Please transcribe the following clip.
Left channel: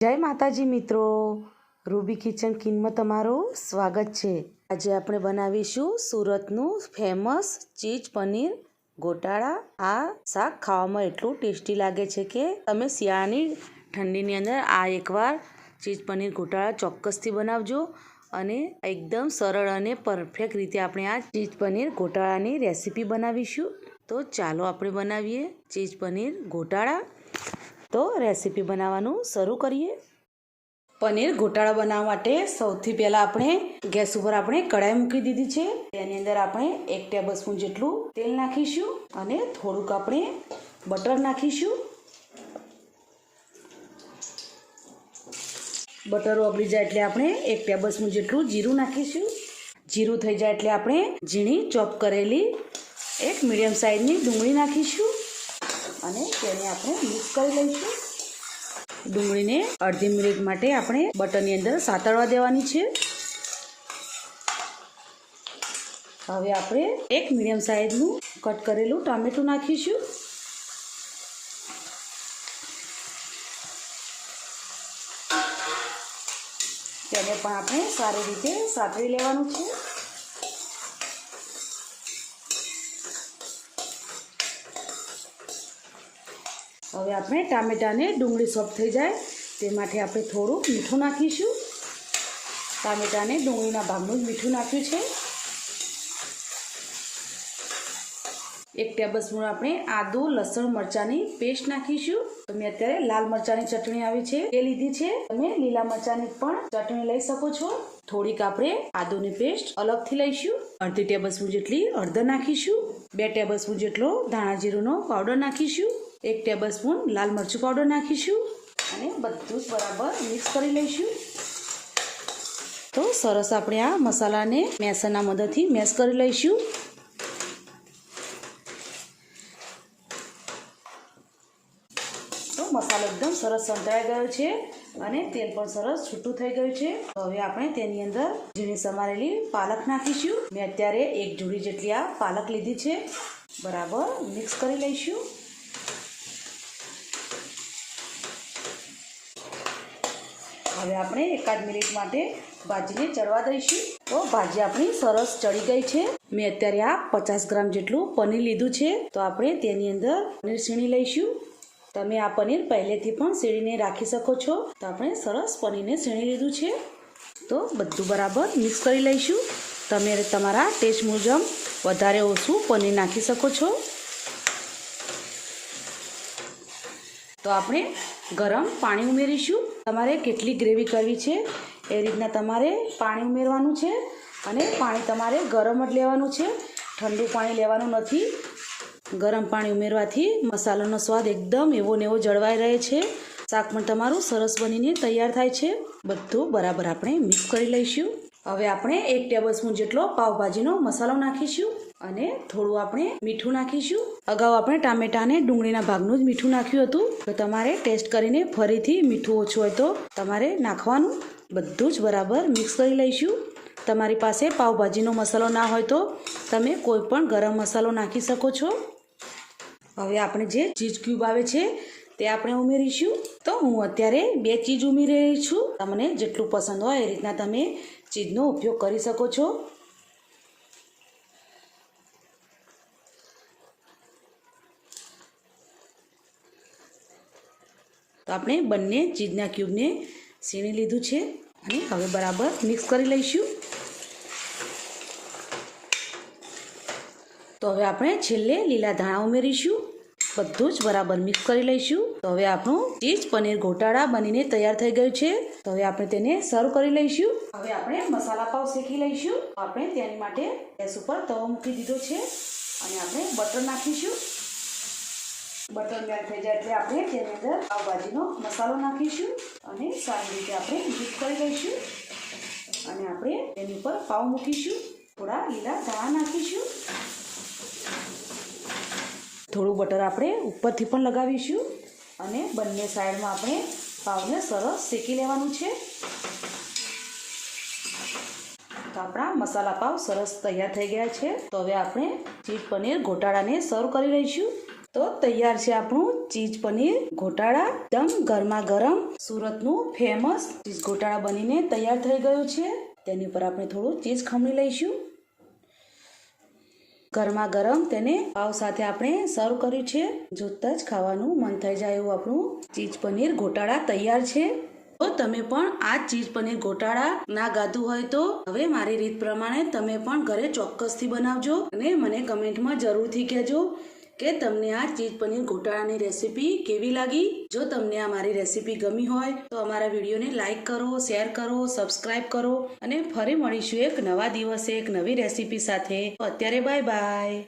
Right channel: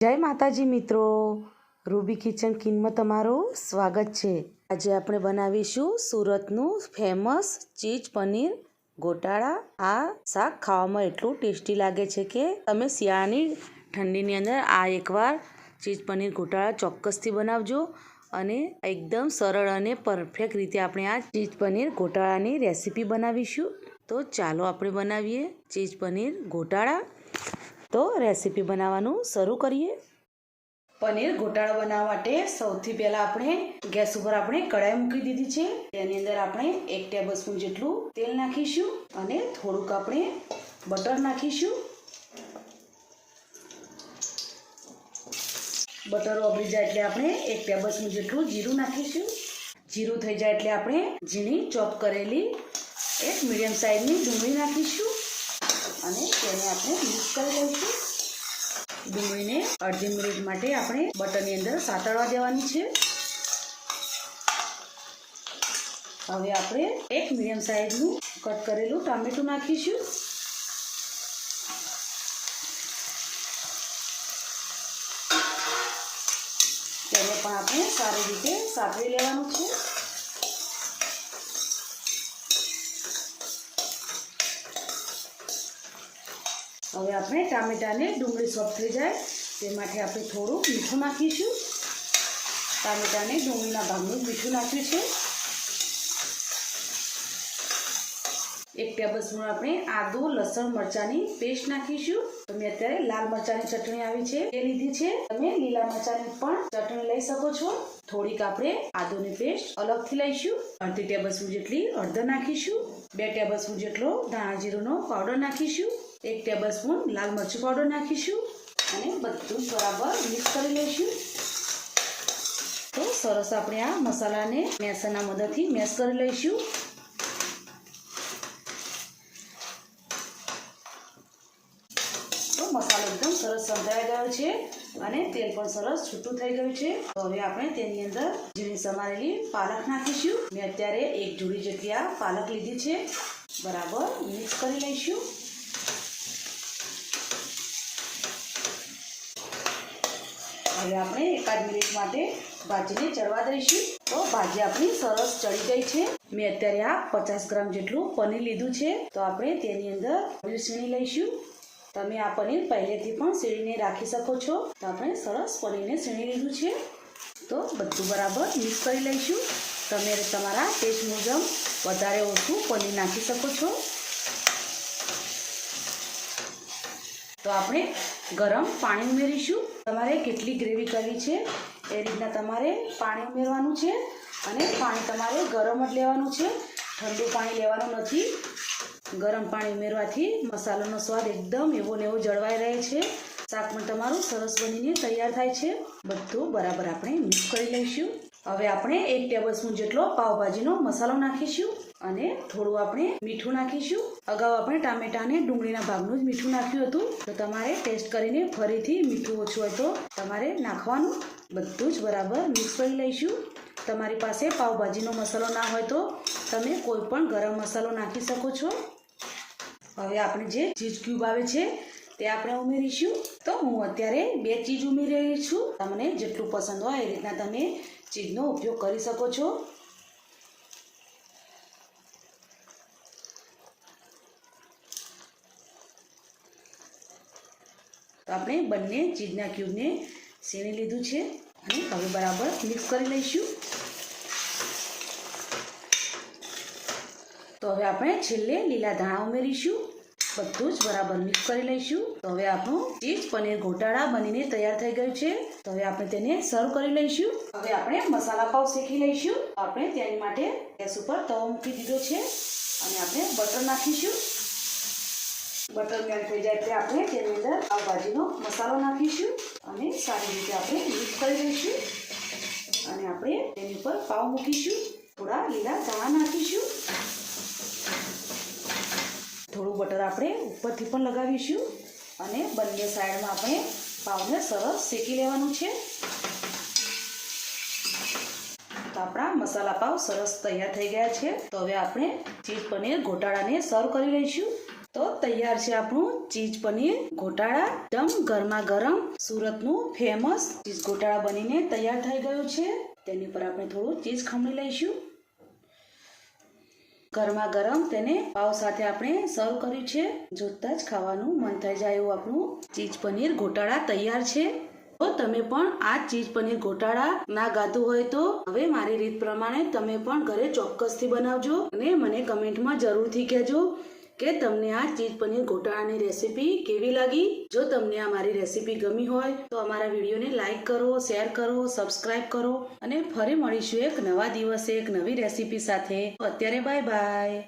જય માતાજી મિત્રો. રૂબી કિચન કિનમાં તમારું સ્વાગત છે. આજે આપણે બનાવીશું સુરતનું ફેમસ ચીઝ પનીર ગોટાળા. આ શાક ખાવામાં એટલું ટેસ્ટી લાગે છે કે તમે શિયાળાની ઠંડીની અંદર આ એકવાર ચીઝ પનીર ગોટાળા ચોક્કસથી બનાવજો અને એકદમ સરળ અને પરફેક્ટ રીતે આપણે આ ચીઝ પનીર ગોટાળાની રેસીપી બનાવીશું. તો ચાલો આપણે બનાવીએ ચીઝ પનીર ગોટાળા. તો રેસીપી બનાવવાનું શરૂ કરીએ. પનીર ઘોટાળો બનાવવા માટે સૌથી પહેલાં આપણે ગેસ ઉપર આપણે કઢાઈ મૂકી દીધી છે. તેની અંદર આપણે એક ટેબલ સ્પૂન જેટલું તેલ નાખીશું અને થોડુંક આપણે બટર નાખીશું. બટર ઓગળી જાય એટલે આપણે એક ટેબલ સ્પૂન જેટલું જીરું નાખીશું. જીરું થઈ જાય એટલે આપણે ઝીણી ચોપ કરેલી એક મીડિયમ સાઇઝની ડુંગળી નાખીશું. અને તેને આપણે મિક્સ કરી લઈશું. ડુંગળીને અડધી મિનિટ માટે આપણે બટરની અંદર સાતળવા દેવાની છે. હવે આપણે એક મીડિયમ સાઇઝનું કટ કરેલું ટામેટું નાખીશું. તેને પણ આપણે સારી રીતે સાતળી લેવાનું છે. હવે આપણે ટામેટાને ડુંગળી સોફ્ટ થઈ જાય. તે માટે આપણે થોડું મીઠું નાખીશું. ટામેટાને ડુંગળીના ભાગનું મીઠું નાખ્યું છે. એક ટેબલસ્પૂન આપણે આદુ, લસણ, મરચાંની પેસ્ટ નાખીશું. તમે અત્યારે લાલ મરચાંની ચટણી આવી છે. એ લીધી છે. તમે લીલા મરચાંની પણ ચટણી લઈ શકો છો. થોડીક આપણે આદુની પેસ્ટ અલગથી લઈશું. અડધી ટેબલસ્પૂન જેટલી હળદર નાખીશું. બે ટેબલસ્પૂન જેટલો ધાણા જીરુંનો પાવડર નાખીશું. એક ટેબલ સ્પૂન લાલ મરચું પાવડર નાખીશું અને બધું બરાબર મિક્સ કરી લઈશું. તો સરસ આપણે આ મસાલાને મેસરના મદદથી મેસ કરી લઈશું. તો મસાલો એકદમ સરસ સંતળાઈ ગયો છે અને તેલ પણ સરસ છૂટું થઈ ગયું છે. તો હવે આપણે તેની અંદર ઝીણી સમારેલી પાલક નાખીશું. મેં અત્યારે એક જોડી જેટલી આ પાલક લીધી છે. બરાબર મિક્સ કરી લઈશું. હવે આપણે એકાદ મિનિટ માટે ભાજીને ચડવા દઈશું. તો ભાજી આપણી સરસ ચડી ગઈ છે. મેં અત્યારે આ પચાસ ગ્રામ જેટલું પનીર લીધું છે. તો આપણે તેની અંદર પનીર છીણી લઈશું. તમે આ પનીર પહેલેથી પણ સીણીને રાખી શકો છો. તો આપણે સરસ પનીરને સીણી લીધું છે. તો બધું બરાબર મિક્સ કરી લઈશું. તમે તમારા ટેસ્ટ મુજબ વધારે ઓછું પનીર નાખી શકો છો. તો આપણે ગરમ પાણી ઉમેરીશું. તમારે કેટલી ગ્રેવી કરવી છે, એ રીતના તમારે પાણી ઉમેરવાનું છે અને પાણી તમારે ગરમ જ લેવાનું છે. ઠંડુ પાણી લેવાનું નથી. ગરમ પાણી ઉમેરવાથી મસાલાનો સ્વાદ એકદમ એવો ને એવો જળવાઈ રહે છે. શાક પણ તમારું સરસ બનીને તૈયાર થાય છે. બધું બરાબર આપણે મિક્સ કરી લઈશું. હવે આપણે એક ટેબલ સ્પૂન જેટલો પાવભાજીનો મસાલો નાખીશું અને થોડું આપણે મીઠું નાખીશું. અગાઉ આપણે ટામેટાને ડુંગળીના ભાગનું જ મીઠું નાખ્યું હતું. તો તમારે ટેસ્ટ કરીને ફરીથી મીઠું ઓછું હોય તો તમારે નાખવાનું. બધું જ બરાબર મિક્સ કરી લઈશું. તમારી પાસે પાવભાજીનો મસાલો ના હોય તો તમે કોઈ પણ ગરમ મસાલો નાખી શકો છો. હવે આપણે જે ચીઝ ક્યુબ આવે છે, તે આપણે ઉમેરીશું. તો હું અત્યારે બે ચીજ ઉમેરી રહી છું. તમને જેટલું પસંદ હોય એ રીતના તમે ચીજનો ઉપયોગ કરી શકો છો. તો આપણે બંને ચીજના ક્યુબને સીણી લીધું છે અને હવે બરાબર મિક્સ કરી લઈશું. તો હવે આપણે છેલ્લે લીલા ધાણા ઉમેરીશું. બધું જ બરાબર મિક્સ કરી લઈશું. તો હવે આપણું ચીઝ પનીર ગોટાળા બનીને તૈયાર થઈ ગયું છે. તો હવે આપણે તેને સર્વ કરી લઈશું. હવે આપણે મસાલા પાવ શેકી લઈશું. આપણે તેની માટે ગેસ ઉપર તવો મૂકી દીધો છે. અને આપણે બટર નાખીશું. બટર મેલ્ટ થઈ જાય એટલે આપણે તેની અંદર પાવભાજીનો મસાલો નાખીશું. અને સારી રીતે આપણે મિક્સ કરી લઈશું. અને આપણે તેની ઉપર પાવ મૂકીશું. થોડા લીલા ધાણા નાખીશું. થોડું બટર આપણે ઉપરથી પણ લગાવીશું અને બંને સાઈડમાં આપણે પાવને સરસ શેકી લેવાનું છે. તો આપણા મસાલા પાવ સરસ તૈયાર થઈ ગયા છે. તો હવે આપણે ચીઝ પનીર ગોટાળાને સર્વ કરી લઈશું. તો તૈયાર છે આપણું ચીઝ પનીર ગોટાળા. એકદમ ગરમા ગરમ સુરતનું ફેમસ ચીઝ ગોટાળા બનીને તૈયાર થઈ ગયું છે. તેની ઉપર આપણે થોડું ચીઝ ખમણી લઈશું. ગરમા ગરમ તેને પાવ સાથે આપણે સર્વ કર્યું છે. જોતા જ ખાવાનું મન થઈ જાય એવું આપણું ચીઝ પનીર ગોટાળા તૈયાર છે. તો તમે પણ આ ચીજ પનીર ગોટાળા ના ગાતું હોય તો હવે મારી રીત પ્રમાણે તમે પણ ઘરે ચોક્કસથી બનાવજો અને મને કમેન્ટમાં જરૂરથી કહેજો. કે તમને આ ચીઝ પનીર ગોટાળાની રેસીપી કેવી લાગી? જો તમને આ મારી રેસીપી ગમી હોય, તો અમારા વિડીયોને લાઇક કરો, શેર કરો, સબસ્ક્રાઇબ કરો અને ફરી મળીશું એક નવા દિવસે એક નવી રેસીપી સાથે. અત્યારે બાય બાય.